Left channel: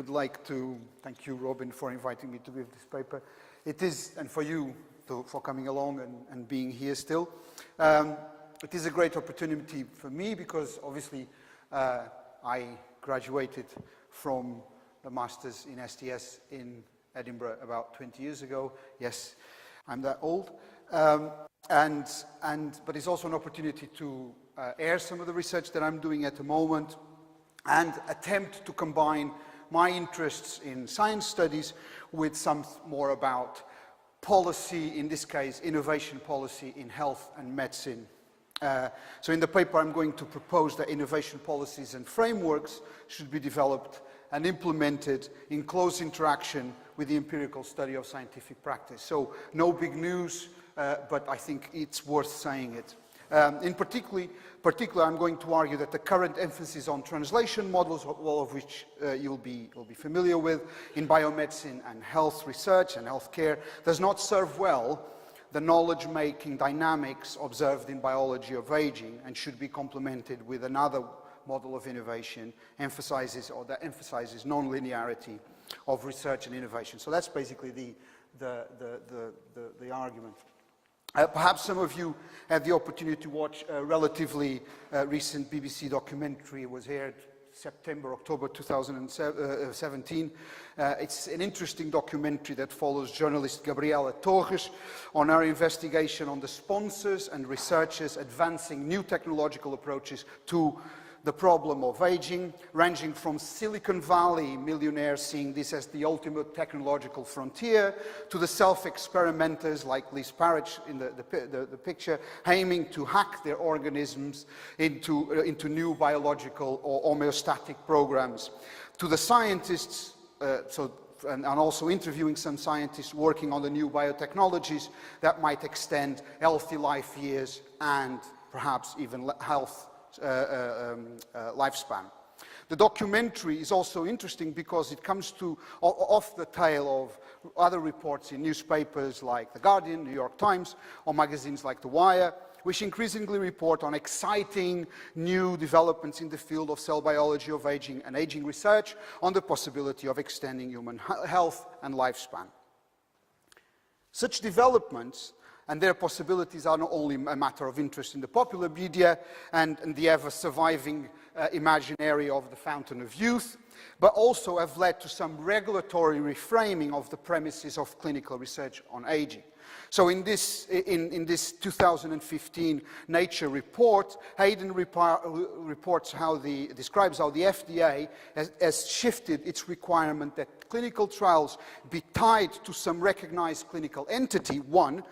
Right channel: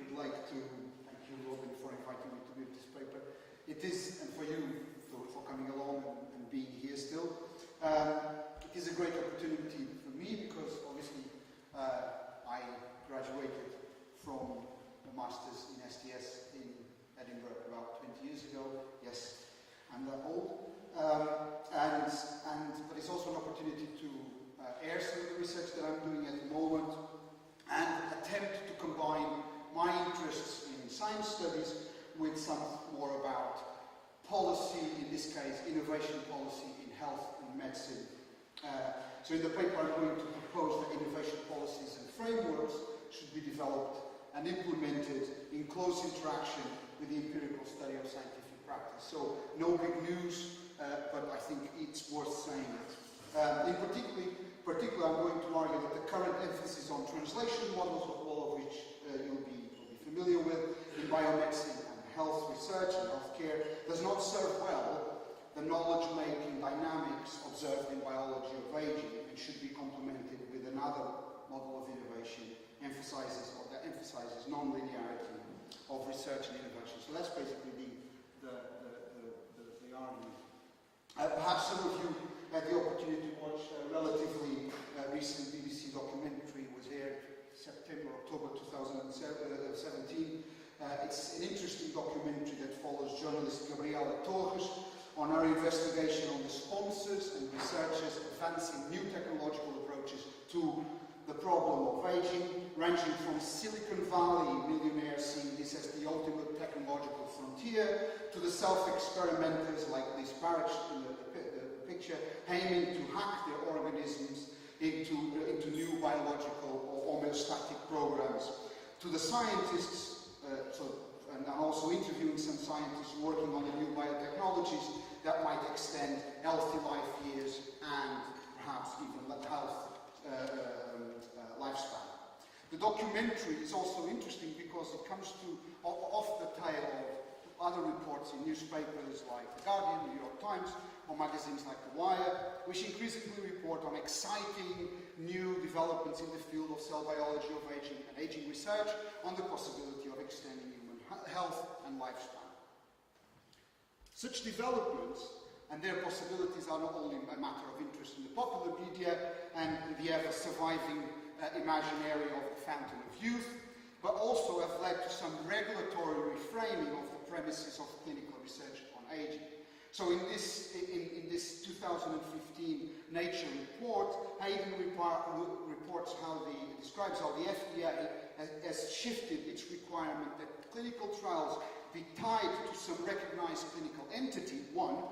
would like to thank you, Robin, for inviting me to give this paper. It is, and for you for coming along and being here still. It is a great opportunity for me because obviously I graduated from a master's in STS in Edinburgh about 20 years ago. Yes, I'm that old. But it's also an opportunity to air some of the research that I'm doing at the moment and attempt to combine my interests in science studies with some more about policy, in this case, innovation policy in health and medicine. So in the paper I'm going to propose that innovation policies and frameworks should be developed and implemented in close interaction with the empirical study of scientific practice. So no big news, but I think it's worth saying it. In particular, I'm going to argue that the current emphasis on translation models, all of which you'll be familiar with, in biomedicine and health research and healthcare, does not serve well the knowledge-making dynamics observed in biology of aging and should be complemented with another model of innovation that emphasizes non-linearity of research and innovation. So that's basically the argument. Perhaps some of you had the opportunity to watch a relatively recent BBC documentary. It was aired October 2017. It's an interesting documentary that follows journalist Gabriela Torres on her investigation on the sponsors and researchers advancing new technological approaches to the problem of aging, ranging from Silicon Valley millionaires seeing this as the ultimate technological frontier, to the self-experimenters like Liz Parrish in the picture, aiming to hack their organisms into new biological or homeostatic programs, to the scientists, and also interviewing some scientists working on the new biotechnologies that might extend healthy life years and perhaps even health lifespan. The documentary is also interesting because it comes off the tail of other reports in newspapers like The Guardian, New York Times, or magazines like The Wire, which increasingly report on exciting new developments in the field of cell biology of aging and aging research on the possibility of extending human health and lifespan. Such developments and their possibilities are not only a matter of interest in the popular media and the ever-surviving imaginary of the fountain of youth, but also have led to some regulatory reframing of the premises of clinical research on aging. So in this 2015 Nature report, Hayden describes how the FDA has shifted its requirement that clinical trials be tied to some recognized clinical entity, one,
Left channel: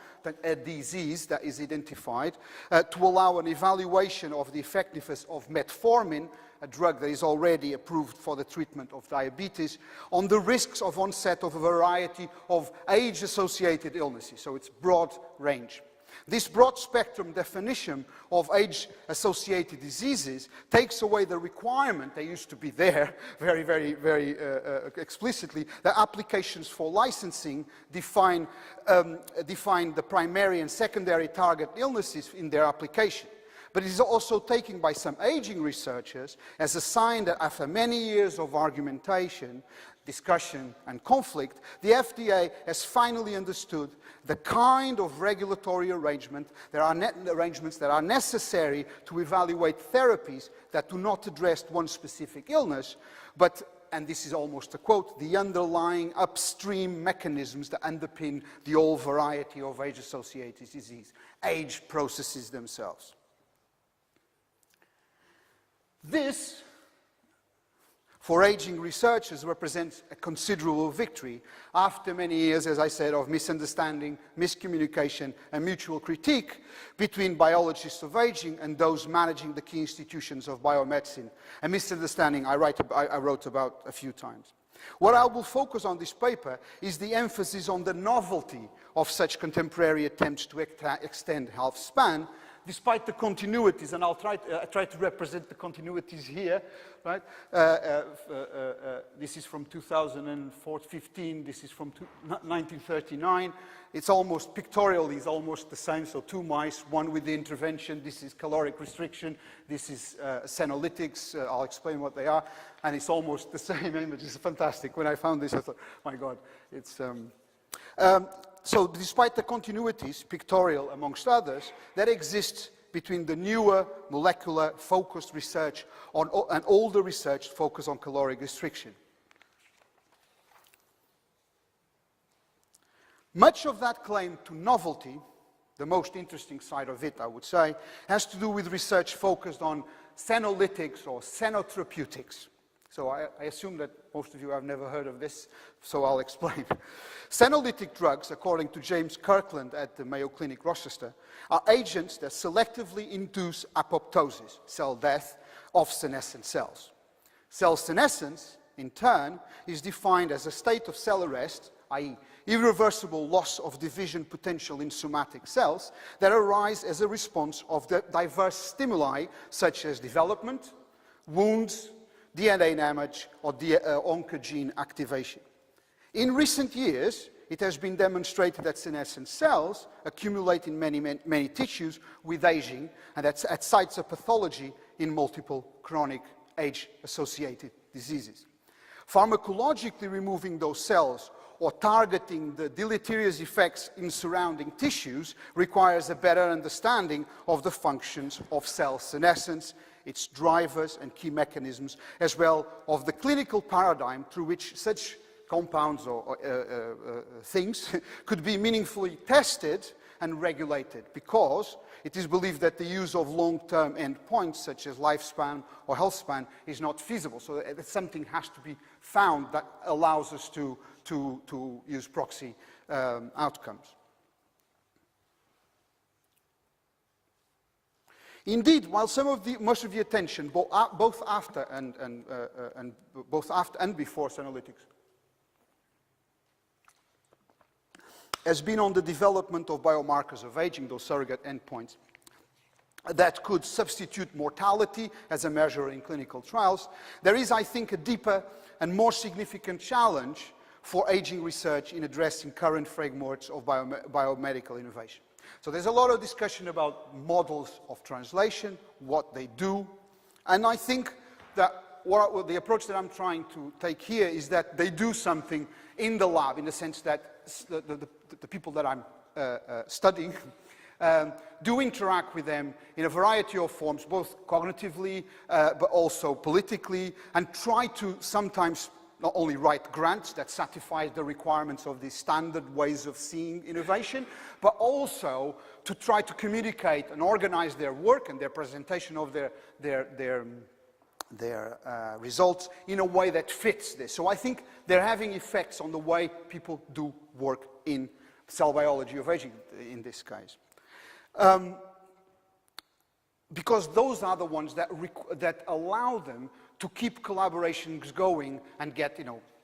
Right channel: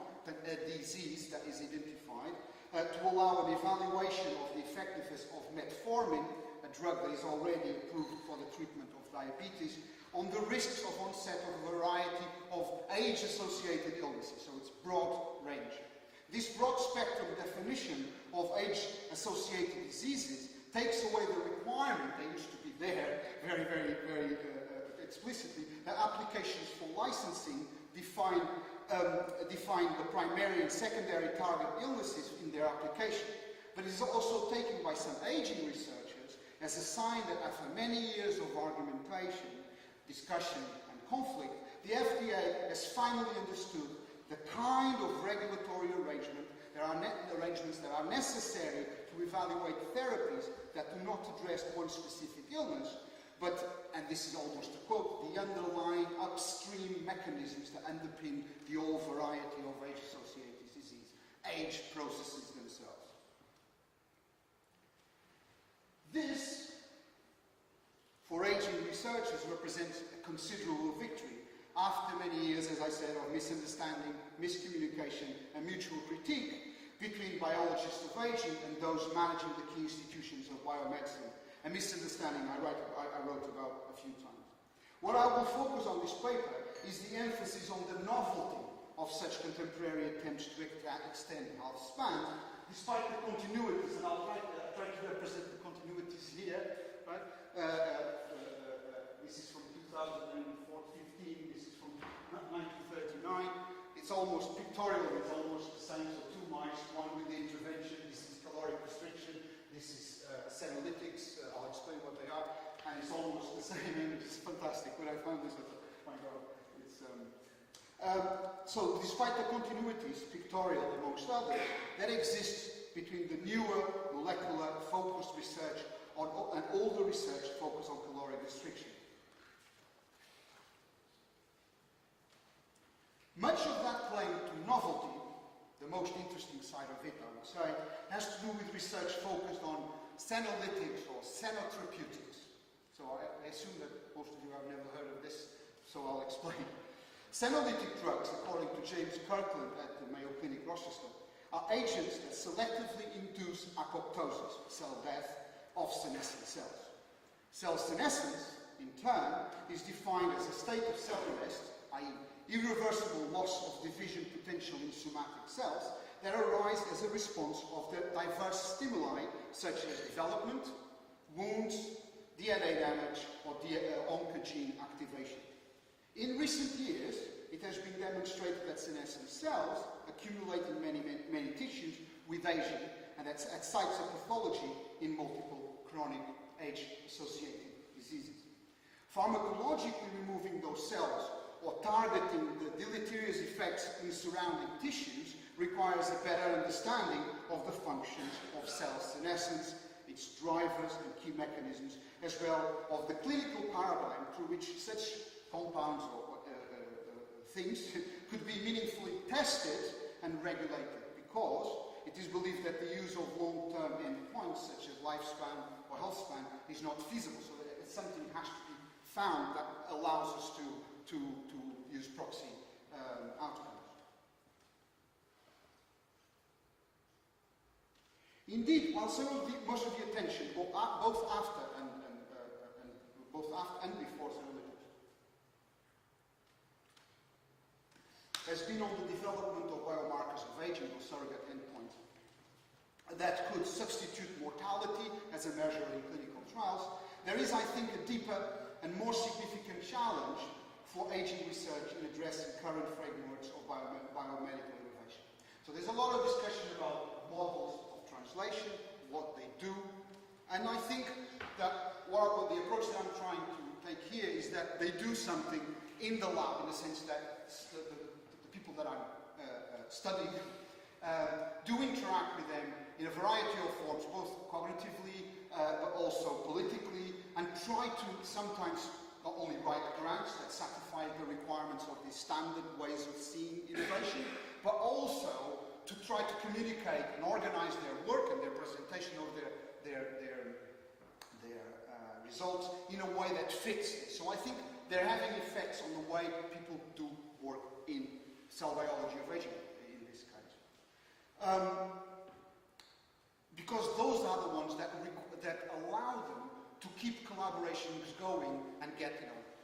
a disease that is identified, to allow an evaluation of the effectiveness of metformin, a drug that is already approved for the treatment of diabetes, on the risks of onset of a variety of age-associated illnesses. So it's broad range. This broad spectrum definition of age-associated diseases takes away the requirement that used to be there very explicitly, that applications for licensing define the primary and secondary target illnesses in their application. But it is also taken by some aging researchers as a sign that after many years of argumentation, discussion and conflict, the FDA has finally understood the kind of regulatory arrangements that are necessary to evaluate therapies that do not address one specific illness, but, and this is almost a quote, the underlying upstream mechanisms that underpin the whole variety of age-associated disease, age processes themselves. This, for aging researchers, represents a considerable victory after many years, as I said, of misunderstanding, miscommunication, and mutual critique between biologists of aging and those managing the key institutions of biomedicine, a misunderstanding I wrote about a few times. What I will focus on this paper is the emphasis on the novelty of such contemporary attempts to extend health span, despite the continuities, and I'll try to represent the continuities here, right? This is from 2015, this is from 1939. It's almost pictorial, is almost the same. So 2 mice, one with the intervention. This is caloric restriction. This is senolytics. I'll explain what they are. And it's almost the same image. It's fantastic. When I found this, I thought, my God, it's... so despite the continuities, pictorial amongst others, that exist between the newer molecular focused research and older research focused on caloric restriction. Much of that claim to novelty, the most interesting side of it, I would say, has to do with research focused on senolytics or senotherapeutics. So I assume that most of you have never heard of this, so I'll explain. Senolytic drugs, according to James Kirkland at the Mayo Clinic, Rochester, are agents that selectively induce apoptosis, cell death, of senescent cells. Cell senescence, in turn, is defined as a state of cell arrest, i.e., irreversible loss of division potential in somatic cells that arise as a response of the diverse stimuli such as development, wounds, DNA damage, or oncogene activation. In recent years, it has been demonstrated that senescent cells accumulate in many tissues with aging and at sites of pathology in multiple chronic age-associated diseases. Pharmacologically removing those cells or targeting the deleterious effects in surrounding tissues requires a better understanding of the functions of cell senescence, its drivers and key mechanisms, as well as the clinical paradigm through which such compounds or things could be meaningfully tested and regulated, because it is believed that the use of long-term endpoints such as lifespan or health span is not feasible. So that something has to be found that allows us to use proxy outcomes. Indeed, while most of the attention, both after and before senolytics, has been on the development of biomarkers of aging, those surrogate endpoints, that could substitute mortality as a measure in clinical trials, there is, I think, a deeper and more significant challenge for aging research in addressing current frameworks of biomedical innovation. So there's a lot of discussion about models of translation, what they do, and I think that the approach that I'm trying to take here is that they do something in the lab, in the sense that the people that I'm studying do interact with them in a variety of forms, both cognitively but also politically, and try to sometimes not only write grants that satisfy the requirements of these standard ways of seeing innovation, but also to try to communicate and organize their work and their presentation of their results in a way that fits this. So I think they're having effects on the way people do work in cell biology of aging, in this case. Because those are the ones that allow them to keep collaborations going and get,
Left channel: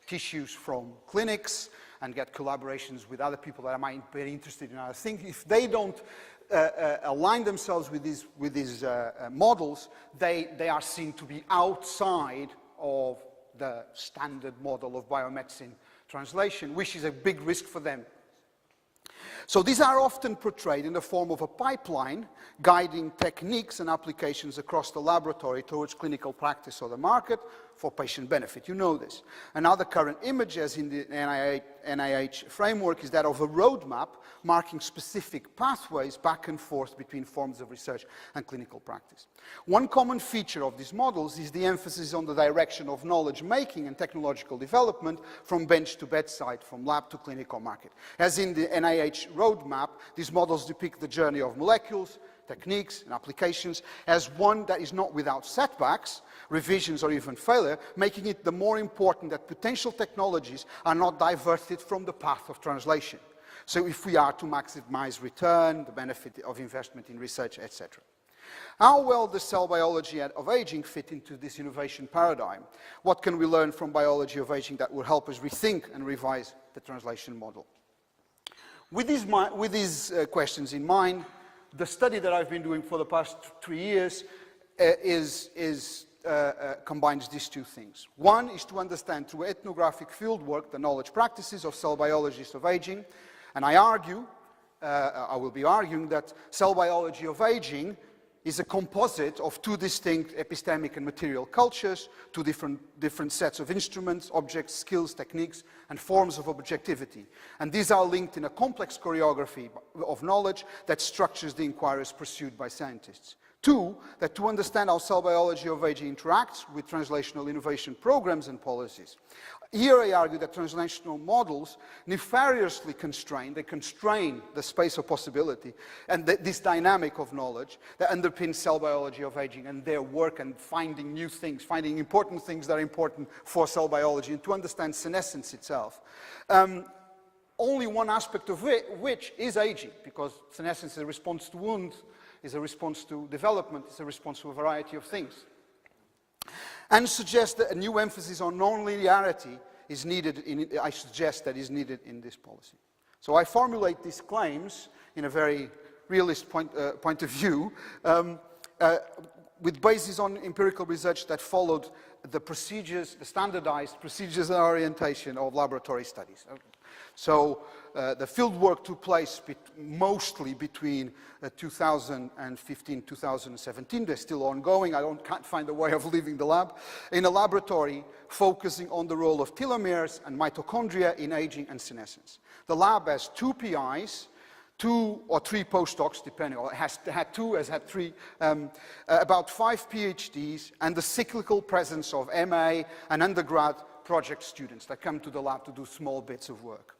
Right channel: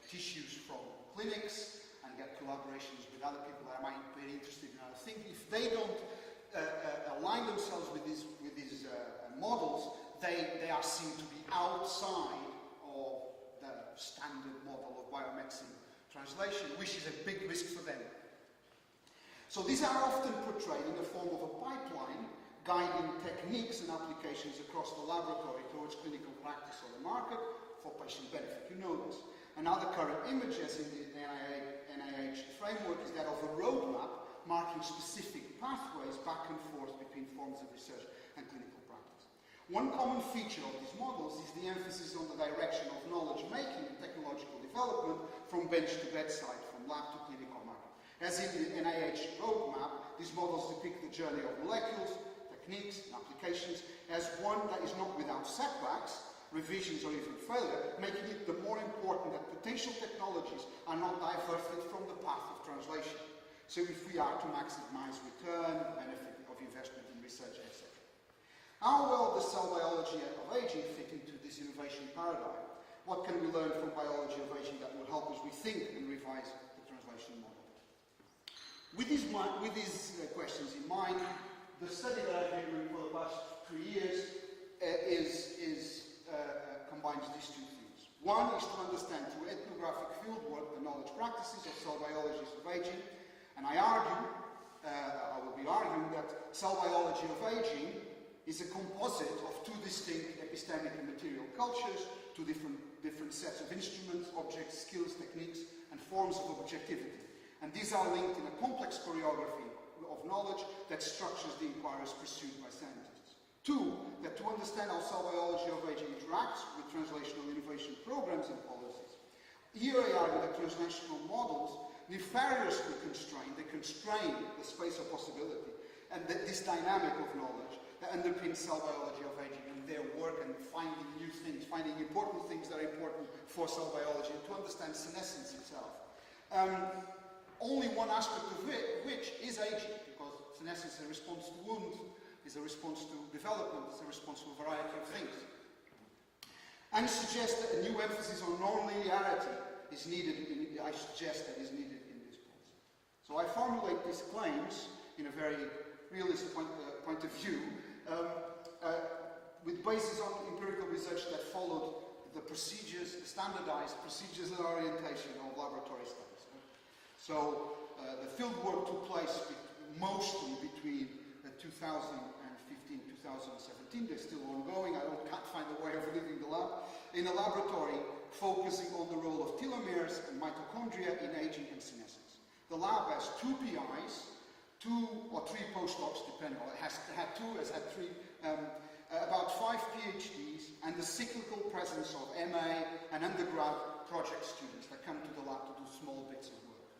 tissues from clinics and get collaborations with other people that might be interested in other things. If they don't align themselves with these models, they are seen to be outside of the standard model of biomedicine translation, which is a big risk for them. So these are often portrayed in the form of a pipeline guiding techniques and applications across the laboratory towards clinical practice or the market for patient benefit. You know this. Another current image, as in the NIH framework, is that of a roadmap marking specific pathways back and forth between forms of research and clinical practice. One common feature of these models is the emphasis on the direction of knowledge making and technological development from bench to bedside, from lab to clinical market. As in the NIH roadmap, these models depict the journey of molecules, techniques, and applications as one that is not without setbacks, revisions, or even failure, making it the more important that potential technologies are not diverted from the path of translation. So if we are to maximize return, the benefit of investment in research, etc. How well does cell biology of aging fit into this innovation paradigm? What can we learn from biology of aging that will help us rethink and revise the translation model? With these questions in mind, the study that I've been doing for the past 3 years combines these two things. One is to understand through ethnographic fieldwork the knowledge practices of cell biologists of aging, And I will be arguing that cell biology of aging is a composite of two distinct epistemic and material cultures, two different sets of instruments, objects, skills, techniques, and forms of objectivity. And these are linked in a complex choreography of knowledge that structures the inquiries pursued by scientists. Two, that to understand how cell biology of aging interacts with translational innovation programs and policies. Here I argue that translational models nefariously constrain the space of possibility and this dynamic of knowledge that underpins cell biology of aging and their work and finding new things, finding important things that are important for cell biology and to understand senescence itself. Only one aspect of which is aging, because senescence is a response to wounds, is a response to development, is a response to a variety of things. And suggest that a new emphasis on non-linearity is needed, I suggest that is needed in this policy. So I formulate these claims in a very realist point of view, with basis on empirical research that followed the procedures, the standardized procedures and orientation of laboratory studies. So the field work took place mostly between 2015, 2017. They're still ongoing. I can't find a way of leaving the lab. In a laboratory focusing on the role of telomeres and mitochondria in aging and senescence. The lab has 2 PIs, 2 or 3 postdocs, depending, or it has had 3, about 5 PhDs, and the cyclical presence of MA and undergrad project students that come to the lab to do small bits of work.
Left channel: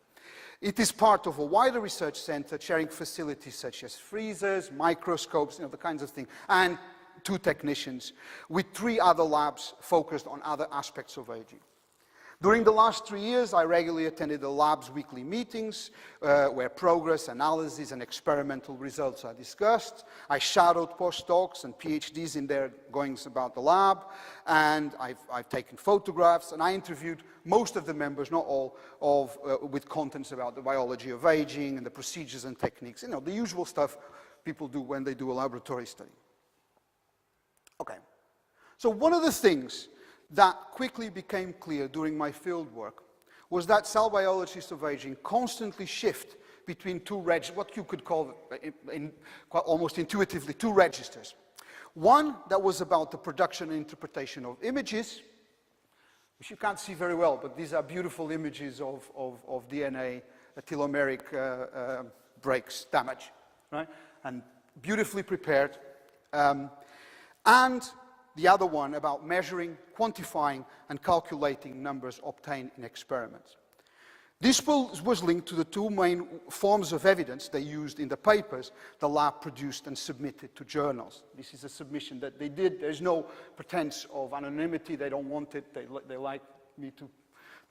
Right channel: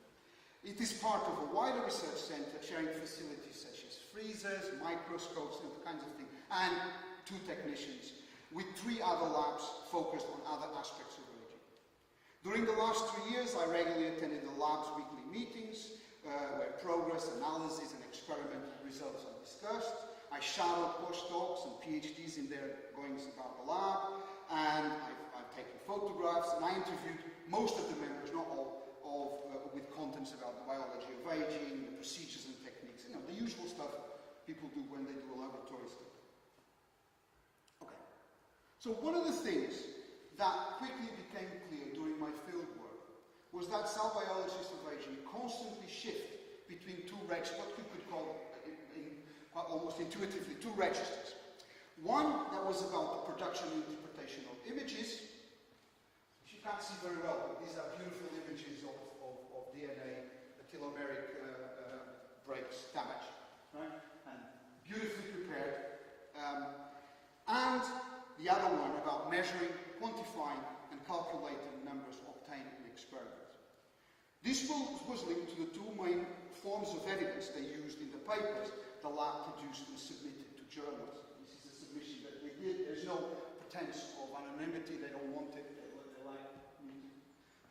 It is part of a wider research center sharing facilities such as freezers, microscopes, the kinds of things, and 2 technicians, with 3 other labs focused on other aspects of aging. During the last 3 years, I regularly attended the lab's weekly meetings, where progress, analysis, and experimental results are discussed. I shadowed postdocs and PhDs in their goings about the lab, and I've taken photographs, and I interviewed most of the members, not all, with contents about the biology of aging and the procedures and techniques, the usual stuff people do when they do a laboratory study. Okay, so one of the things that quickly became clear during my field work was that cell biologists of aging constantly shift between what you could call, almost intuitively, 2 registers. One that was about the production and interpretation of images, which you can't see very well, but these are beautiful images of DNA telomeric breaks, damage, right? And beautifully prepared. And the other one about measuring, quantifying, and calculating numbers obtained in experiments. This was linked to the 2 main forms of evidence they used in the papers the lab produced and submitted to journals. This is a submission that they did. There's no pretense of anonymity. They don't want it. They like me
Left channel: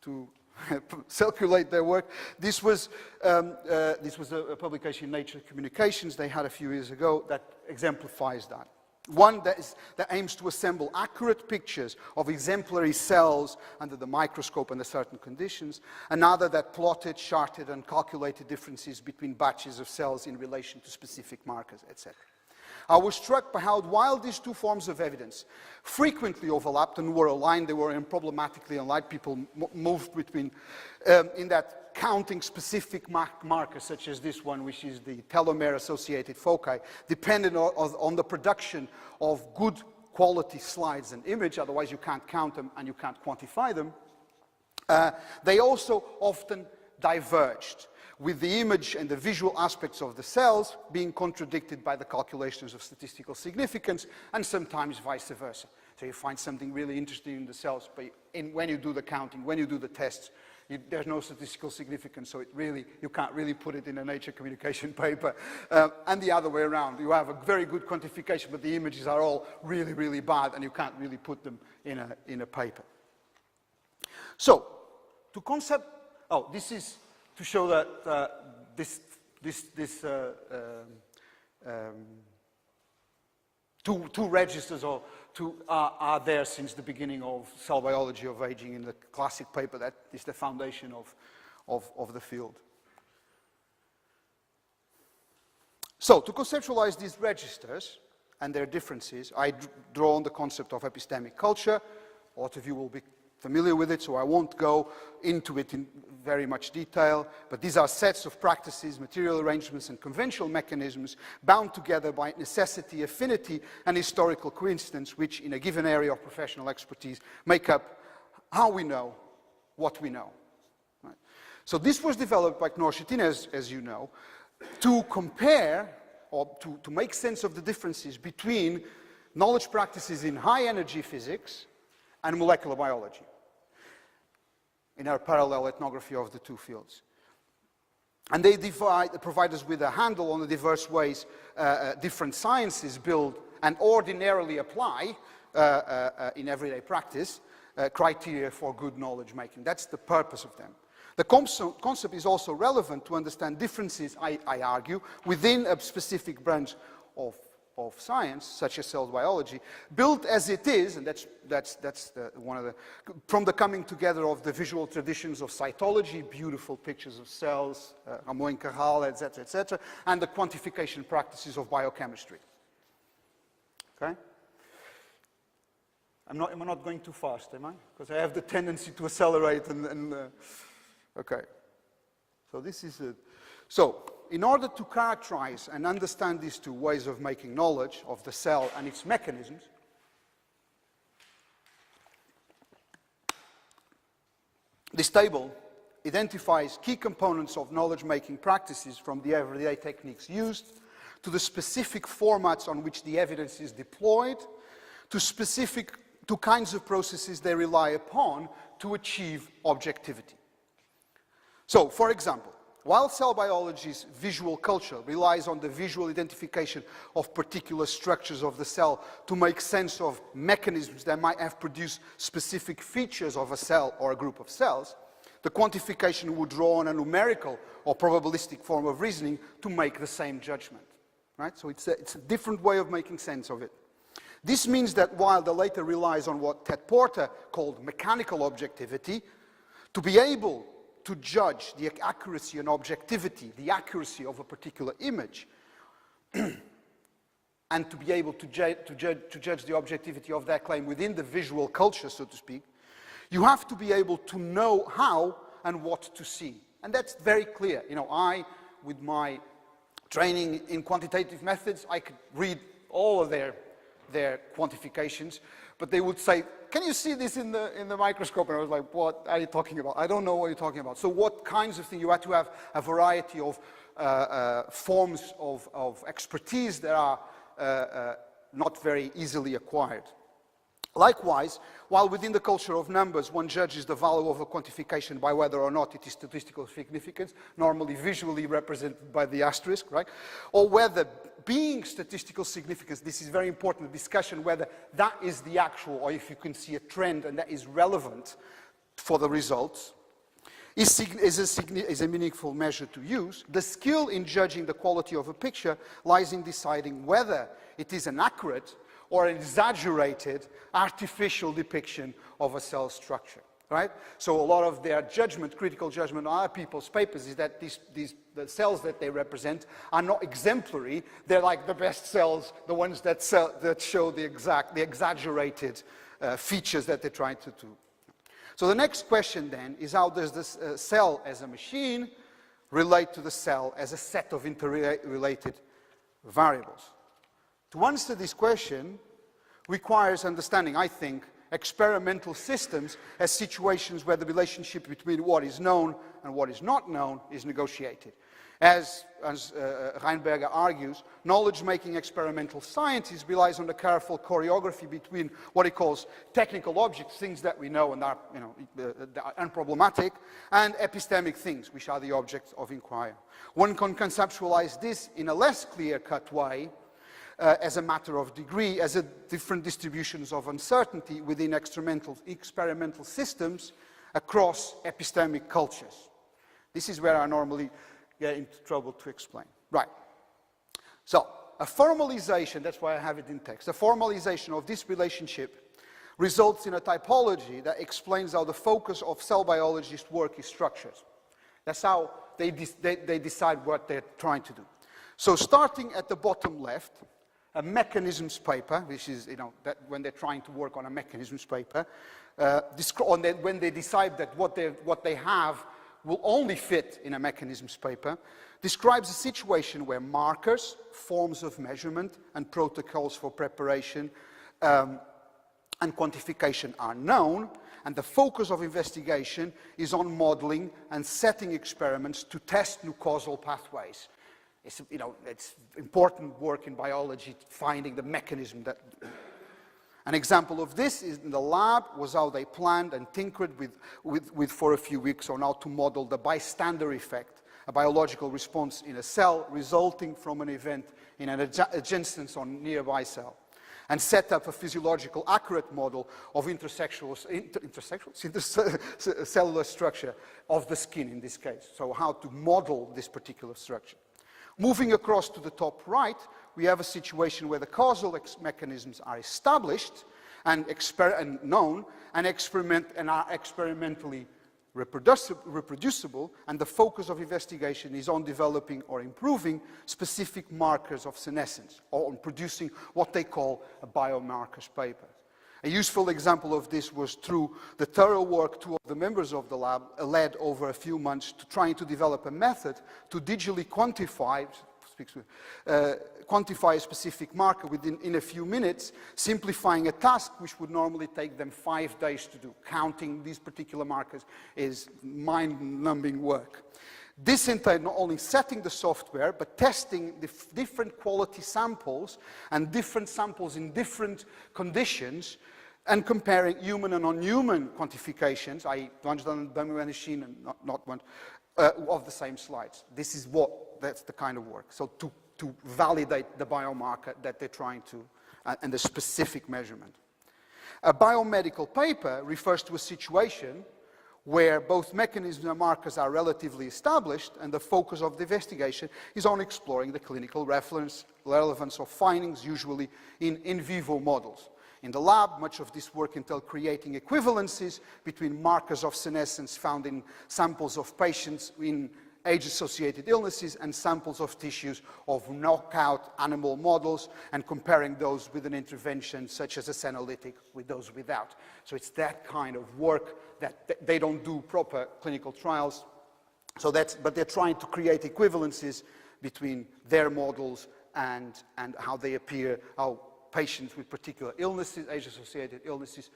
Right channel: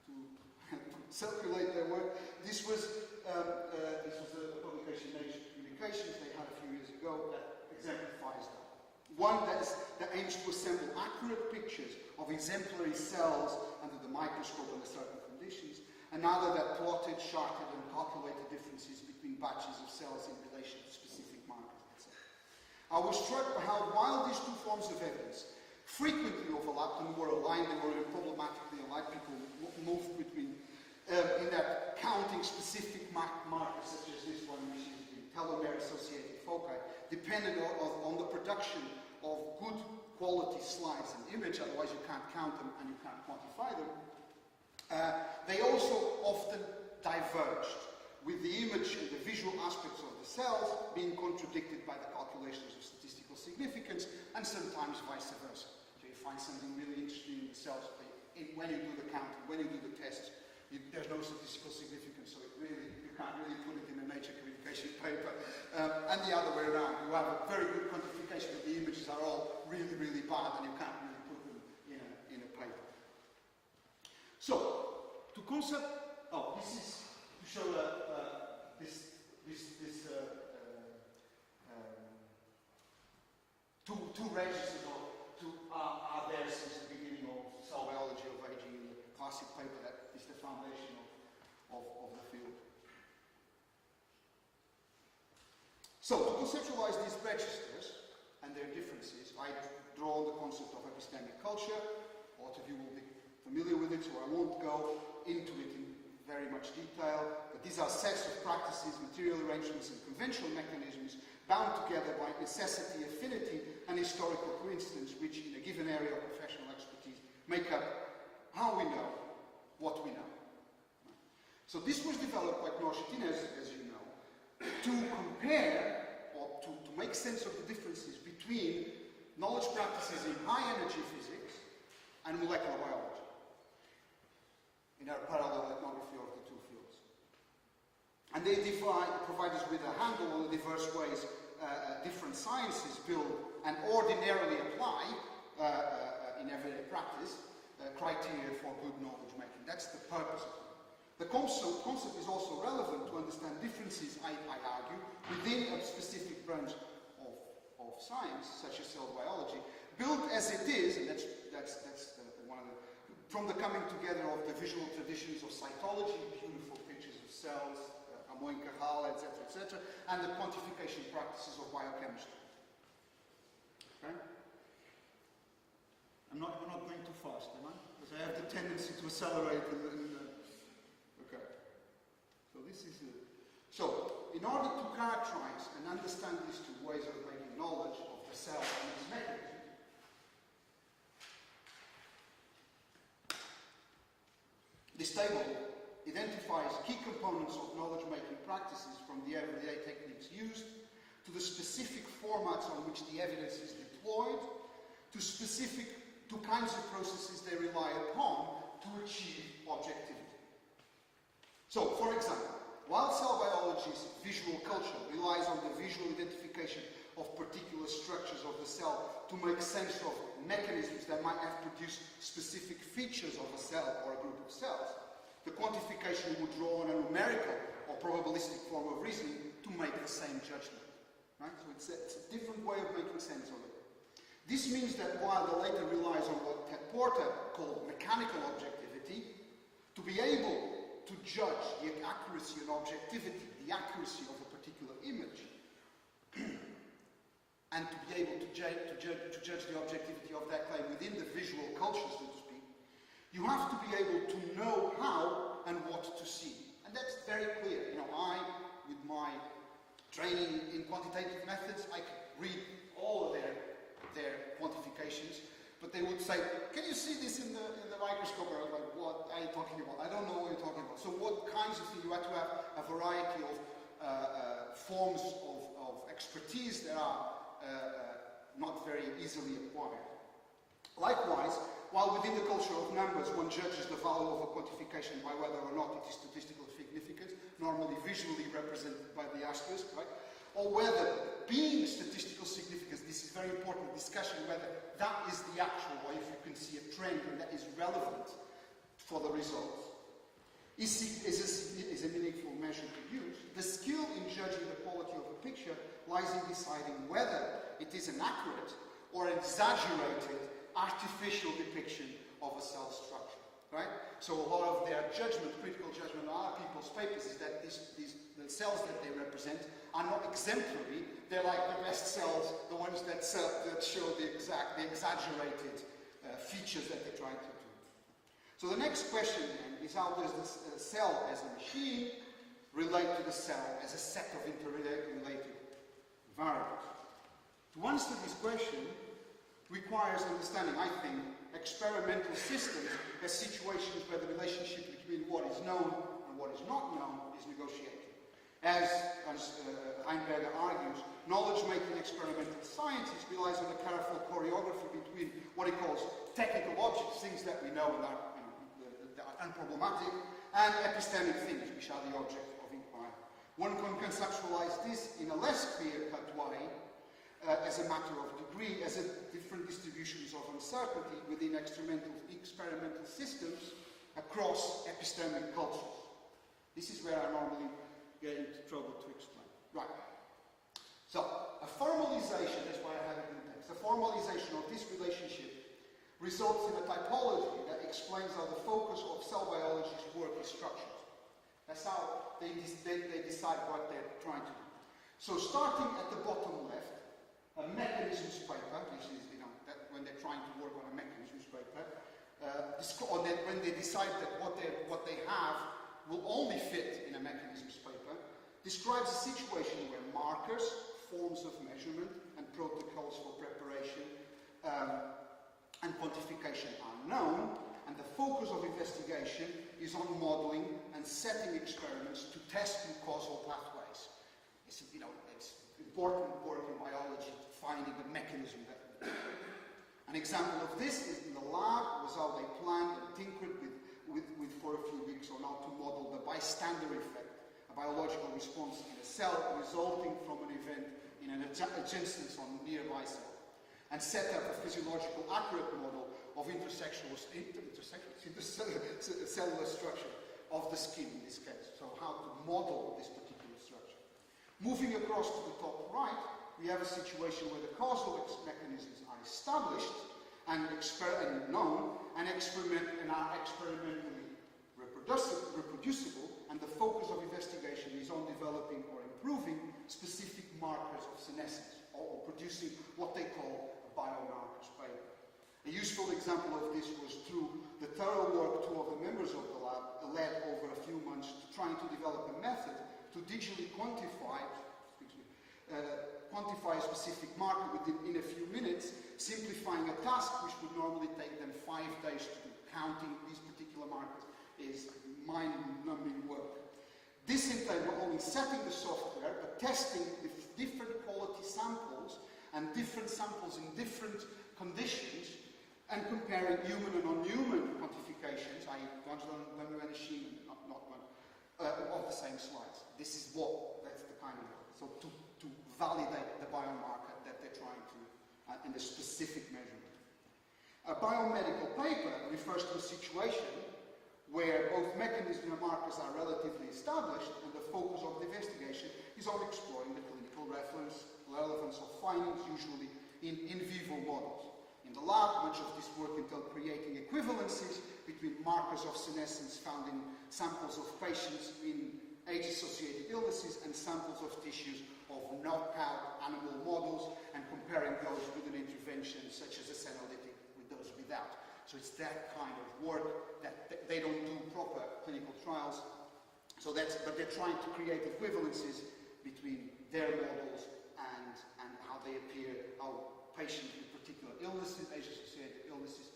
to circulate their work. This was a publication in Nature Communications they had a few years ago that exemplifies that. One that aims to assemble accurate pictures of exemplary cells under the microscope under certain conditions. Another that plotted, charted, and calculated differences between batches of cells in relation to specific markers, etc. I was struck by how, while these 2 forms of evidence frequently overlapped and were aligned, they were problematically aligned. People moved between, in that counting specific markers, such as this one, which is the telomere-associated foci, depended on the production of good quality slides and image, otherwise you can't count them and you can't quantify them. They also often diverged, with the image and the visual aspects of the cells being contradicted by the calculations of statistical significance, and sometimes vice versa. So you find something really interesting in the cells, but when you do the counting, when you do the tests, there's no statistical significance, so you can't really put it in a Nature Communication paper. And the other way around, you have a very good quantification, but the images are all really, really bad, and you can't really put them in a paper. So, this is to show that two registers are there since the beginning of cell biology of aging in the classic paper that is the foundation of the field. So, to conceptualize these registers and their differences, I draw on the concept of epistemic culture. A lot of you will be familiar with it, so I won't go into it very much detail, but these are sets of practices, material arrangements, and conventional mechanisms bound together by necessity, affinity, and historical coincidence, which in a given area of professional expertise make up how we know what we know. Right? So this was developed by Knorr-Schittin, as you know, to compare or to make sense of the differences between knowledge practices in high energy physics and molecular biology in our parallel ethnography of the two fields. And they provide us with a handle on the diverse ways different sciences build and ordinarily apply in everyday practice criteria for good knowledge making. That's the purpose of them. The concept is also relevant to understand differences, I argue, within a specific branch of science, such as cell biology, built as it is, and that's one of the, from the coming together of the visual traditions of cytology, beautiful pictures of cells, Ramon Carral, etc., and the quantification practices of biochemistry. Okay? I'm not going too fast, am I? Because I have the tendency to accelerate okay. So this is it. So, in order to characterize and understand these two ways of making knowledge of the cell and its mechanisms, this table identifies key components of knowledge-making practices from the everyday techniques used to the specific formats on which the evidence is deployed, to kinds of processes they rely upon to achieve objectivity. So, for example, while cell biology's visual culture relies on the visual identification of particular structures of the cell to make sense of mechanisms that might have produced specific features of a cell or a group of cells, the quantification would draw on a numerical or probabilistic form of reasoning to make the same judgment. Right? So it's a different way of making sense of it. This means that while the latter relies on what Ted Porter called mechanical objectivity, to be able to judge the accuracy and objectivity, the accuracy of a particular image, and to be able to judge the objectivity of that claim within the visual culture, so to speak, you have to be able to know how and what to see. And that's very clear. You know, with my training in quantitative methods, I could read all of their quantifications, but they would say, can you see this in the microscope? And I was like, what are you talking about? I don't know what you're talking about. So what kinds of things? You had to have a variety of forms of expertise that are not very easily acquired. Likewise, while within the culture of numbers, one judges the value of a quantification by whether or not it is statistical significance, normally visually represented by the asterisk, right? Or whether being statistical significance, this is very important discussion, whether that is the actual, or if you can see a trend and that is relevant for the results, is a meaningful measure to use. The skill in judging the quality of a picture lies in deciding whether it is an accurate or an exaggerated artificial depiction of a cell structure, right? So a lot of their judgment, critical judgment on other people's papers is that the cells that they represent are not exemplary. They're like the best cells, the ones that show the exaggerated features that they're trying to do. So the next question then is, how does this cell as a machine relate to the cell as a set of interrelated variables? To answer this question requires understanding, I think, experimental systems as situations where the relationship between what is known and what is not known is negotiated. As Reinberger argues, knowledge-making experimental sciences relies on the careful choreography between what he calls technical objects, things that we know and are, are unproblematic, and epistemic things, which are the objects of inquiry. One can conceptualize this in a less clear-cut way, as a matter of degree, as a different distributions of uncertainty within experimental systems across epistemic cultures. This is where I normally get into trouble to explain. Right. So, a formalization, that's why I have it in text, a formalization of this relationship results in a typology that explains how the focus of cell biologists' work is structured. That's how they decide what they're trying to do. So, starting at the bottom left, a mechanisms paper, which is, that when they're trying to work on a mechanisms paper, and then when they decide that what they have will only fit in a mechanisms paper, describes a situation where markers, forms of measurement, and protocols for preparation and quantification are known, and the focus of investigation is on modeling and setting experiments to test new causal pathways. It's, you know, it's important work in biology, finding the mechanism that... An example of this is in the lab was how they planned and tinkered with for a few weeks on how to model the bystander effect, a biological response in a cell resulting from an event in an adjacent or nearby cell, and set up a physiological accurate model of cellular structure of the skin in this case. So how to model this particular structure. Moving across to the top right, we have a situation where the causal mechanisms are established and known and are experimentally reproducible, and the focus of investigation is on developing or improving specific markers of senescence, or on producing what they call a biomarkers paper. A useful example of this was through the thorough work two of the members of the lab led over a few months to trying to develop a method to digitally quantify a specific marker in a few minutes, simplifying a task which would normally take them 5 days to do. Counting these particular markers is mind-numbing work. This entailed not only setting the software, but testing the different quality samples and different samples in different conditions, and comparing human and non-human quantifications, i.e. ones done by machine and not one, of the same slides. That's the kind of work. So to validate the biomarker that they're trying to, and the specific measurement. A biomedical paper refers to a situation where both mechanisms and markers are relatively established, and the focus of the investigation is on exploring the clinical relevance of findings, usually in vivo models. In the lab, much of this work entailed creating equivalencies between markers of senescence found in samples of patients in age-associated illnesses and samples of tissues of knockout animal models, and comparing those with an intervention such as a senolytic with those without. So it's that kind of work that they don't do proper clinical trials. But they're trying to create equivalencies between their models and how they appear, how patients with particular illnesses, age-associated illnesses,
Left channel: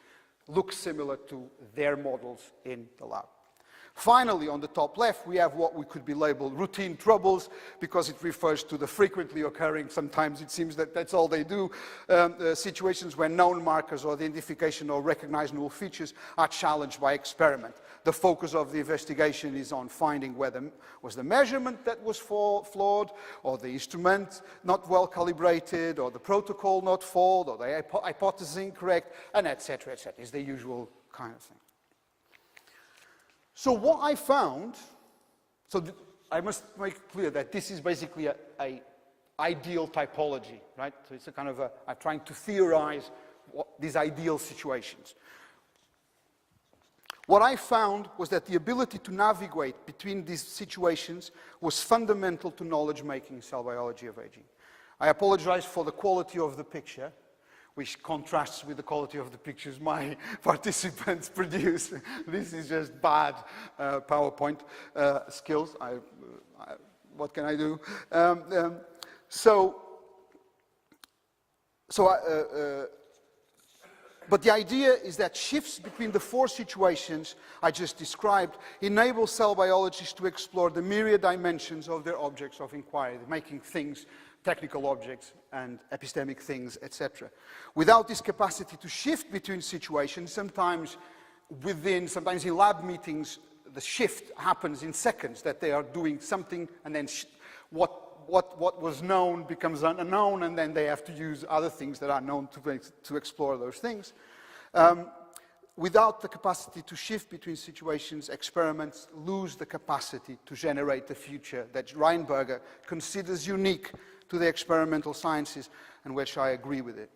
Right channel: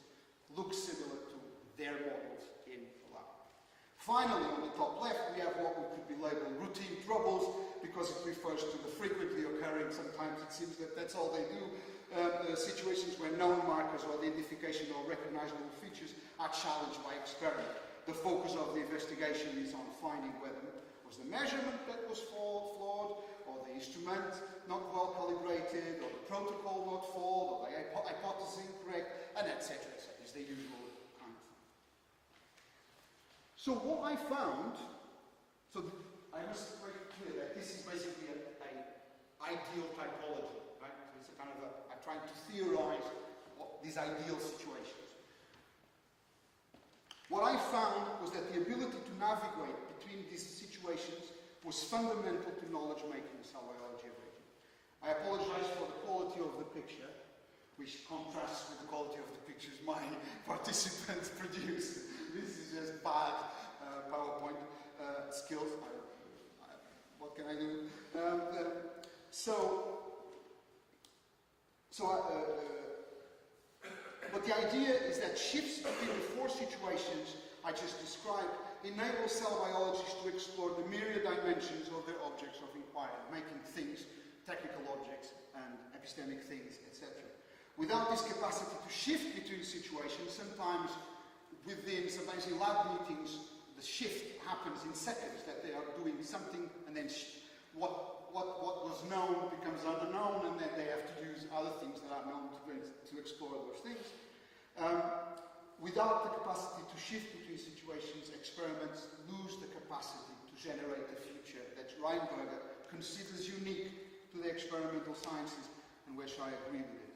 look similar to their models in the lab. Finally, on the top left, we have what we could be labeled routine troubles, because it refers to the frequently occurring, sometimes it seems that that's all they do, situations where known markers or the identification or recognized null features are challenged by experiment. The focus of the investigation is on finding whether was the measurement that was flawed, or the instrument not well calibrated, or the protocol not flawed, or the hypothesis incorrect, and etc., etc. It's the usual kind of thing. So what I found, I must make clear that this is basically a ideal typology, right? So it's a kind of I'm trying to theorize these ideal situations. What I found was that the ability to navigate between these situations was fundamental to knowledge making in cell biology of aging. I apologize for the quality of the picture, which contrasts with the quality of the pictures my participants produce. This is just bad PowerPoint skills. What can I do? But the idea is that shifts between the 4 situations I just described enable cell biologists to explore the myriad dimensions of their objects of inquiry, making things, technical objects and epistemic things, etc. Without this capacity to shift between situations, sometimes in lab meetings, the shift happens in seconds, that they are doing something and then what was known becomes unknown, and then they have to use other things that are known to explore those things. Without the capacity to shift between situations, experiments lose the capacity to generate the future that Reinberger considers unique to the experimental sciences, and which I agree with it.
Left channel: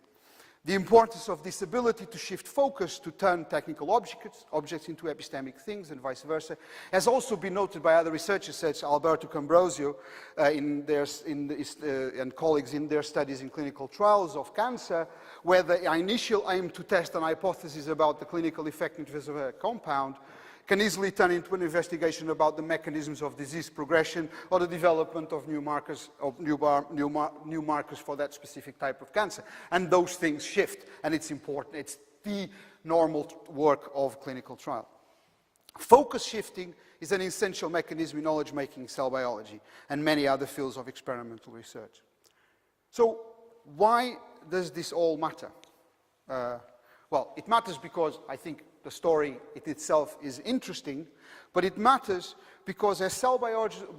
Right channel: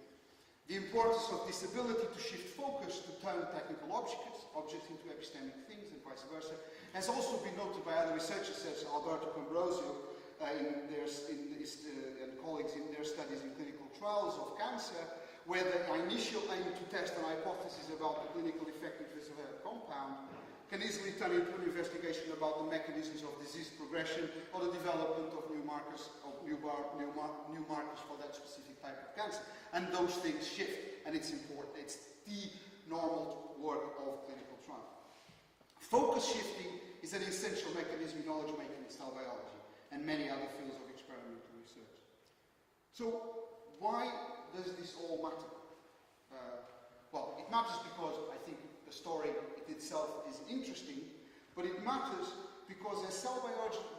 The importance of this ability to shift focus, to turn technical objects into epistemic things and vice versa, has also been noted by other researchers such as Alberto Cambrosio and colleagues in their studies in clinical trials of cancer, where the initial aim to test an hypothesis about the clinical effectiveness of a compound can easily turn into an investigation about the mechanisms of disease progression or the development of new markers, new markers for that specific type of cancer. And those things shift, and it's important. It's the normal work of clinical trial. Focus shifting is an essential mechanism in knowledge-making cell biology and many other fields of experimental research. So why does this all matter? Well, it matters because I think the story itself is interesting, but it matters because as cell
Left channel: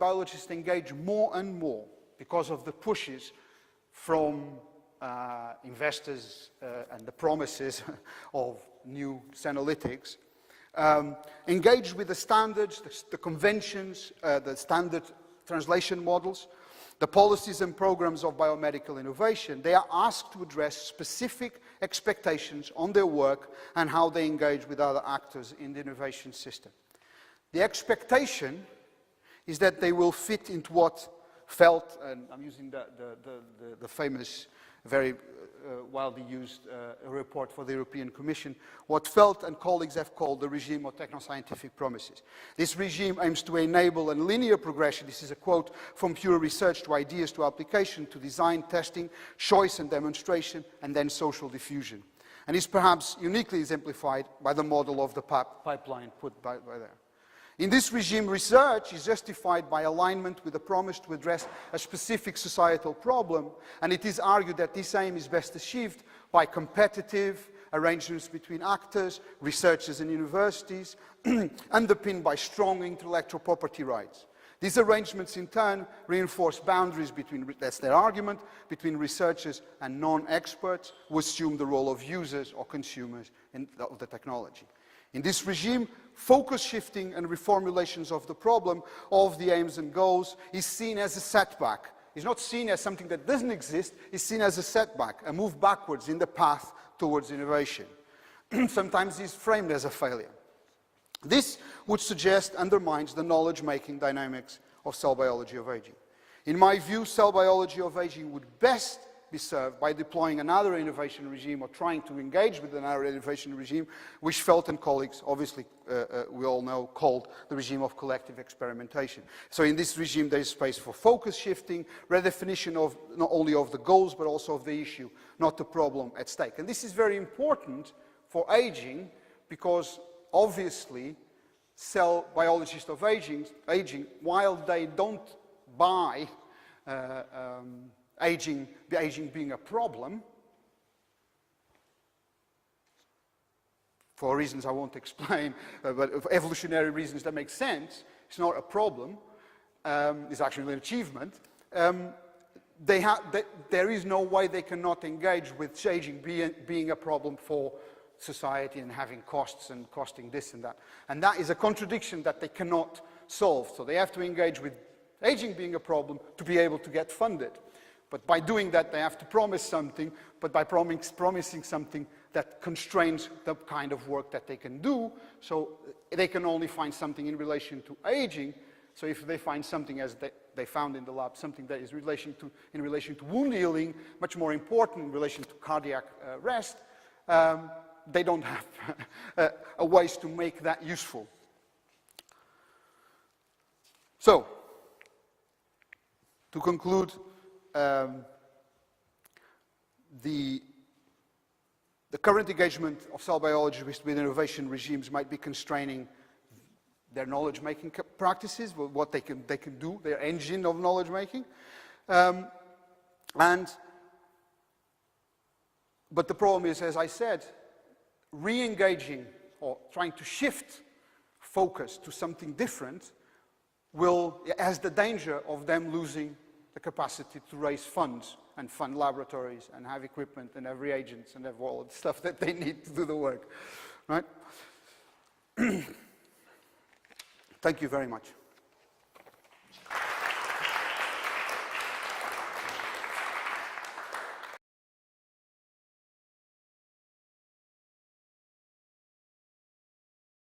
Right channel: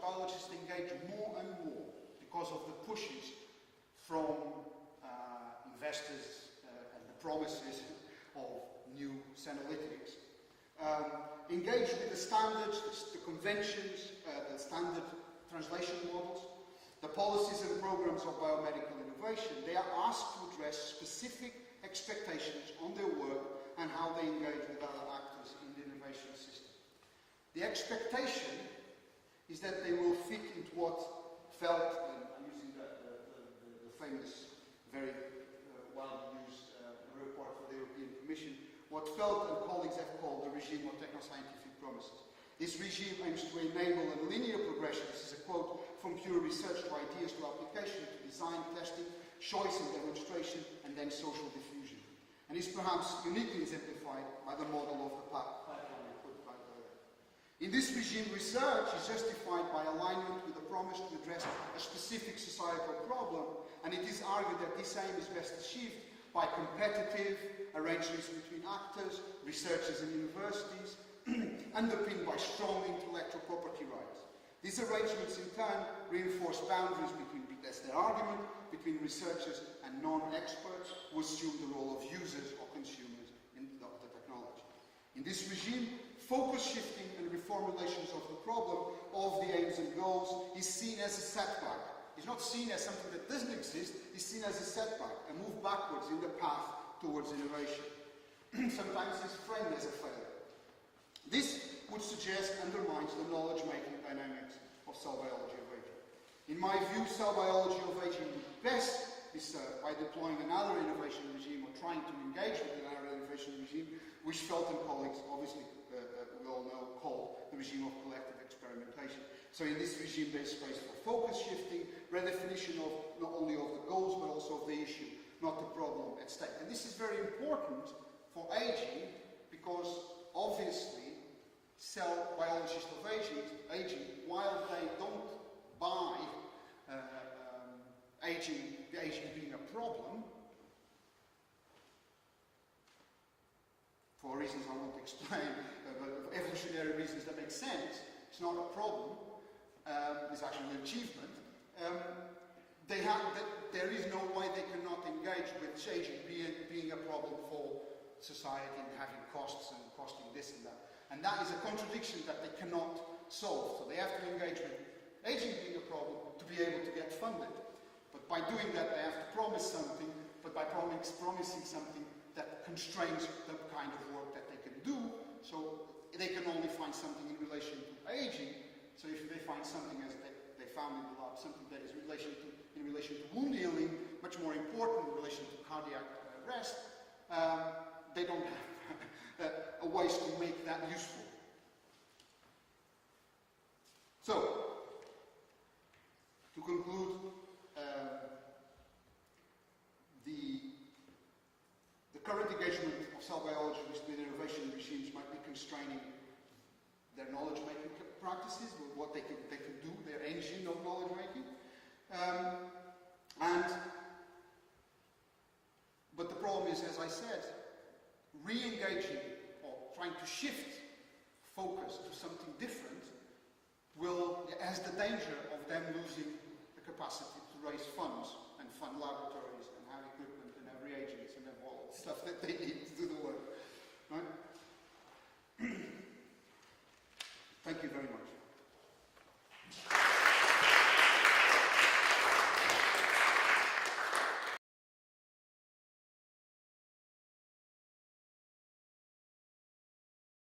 biologists engage more and more because of the pushes from investors and the promises of new senolytics, engage with the standards, the conventions, the standard translation models, the policies and programs of biomedical innovation. They are asked to address specific expectations on their work and how they engage with other actors in the innovation system. The expectation is that they will fit into what Felt, and I'm using the famous, very widely used report for the European Commission, what Felt and colleagues have called the regime of technoscientific promises. This regime aims to enable a linear progression, this is a quote, from pure research to ideas to application to design, testing, choice and demonstration, and then social diffusion. And is perhaps uniquely exemplified by the model of the pipeline put by there. In this regime, research is justified by alignment with the promise to address a specific societal problem, and it is argued that this aim is best achieved by competitive arrangements between actors, researchers and universities, underpinned by strong intellectual property rights. These arrangements in turn reinforce boundaries between, that's their argument, between researchers and non-experts who assume the role of users or consumers of the technology. In this regime, focus shifting and reformulations of the problem of the aims and goals is seen as a setback. It's not seen as something that doesn't exist, it's seen as a setback, a move backwards in the path towards innovation. Sometimes it's framed as a failure. This would suggest undermines the knowledge-making dynamics of cell biology of aging. In my view, cell biology of aging would best be served by deploying another innovation regime or trying to engage with another innovation regime, which Felt and colleagues, obviously, we all know, called the regime of collective experimentation. So in this regime, there is space for focus shifting, redefinition of not only of the goals, but also of the issue, not the problem at stake. And this is very important for aging because obviously cell biologists of aging, while they don't buy aging being a problem, for reasons I won't explain, but for evolutionary reasons that make sense, it's not a problem, it's actually an achievement. There is no way they cannot engage with aging being a problem for society and having costs and costing this and that. And that is a contradiction that they cannot solve. So they have to engage with aging being a problem to be able to get funded. But by doing that, they have to promise something, but by promising something that constrains the kind of work that they can do, so they can only find something in relation to aging. So if they find something, as they found in the lab, something that is in relation to wound healing, much more important in relation to cardiac rest, they don't have a ways to make that useful. So, to conclude, the current engagement of cell biologists with innovation regimes might be constraining their knowledge-making practices, what they can do, their engine of knowledge-making. But the problem is, as I said, re-engaging or trying to shift focus to something different has the danger of them losing the capacity to raise funds and fund laboratories and have equipment and have reagents and have all the stuff that they need to do the work, right? Thank you very much.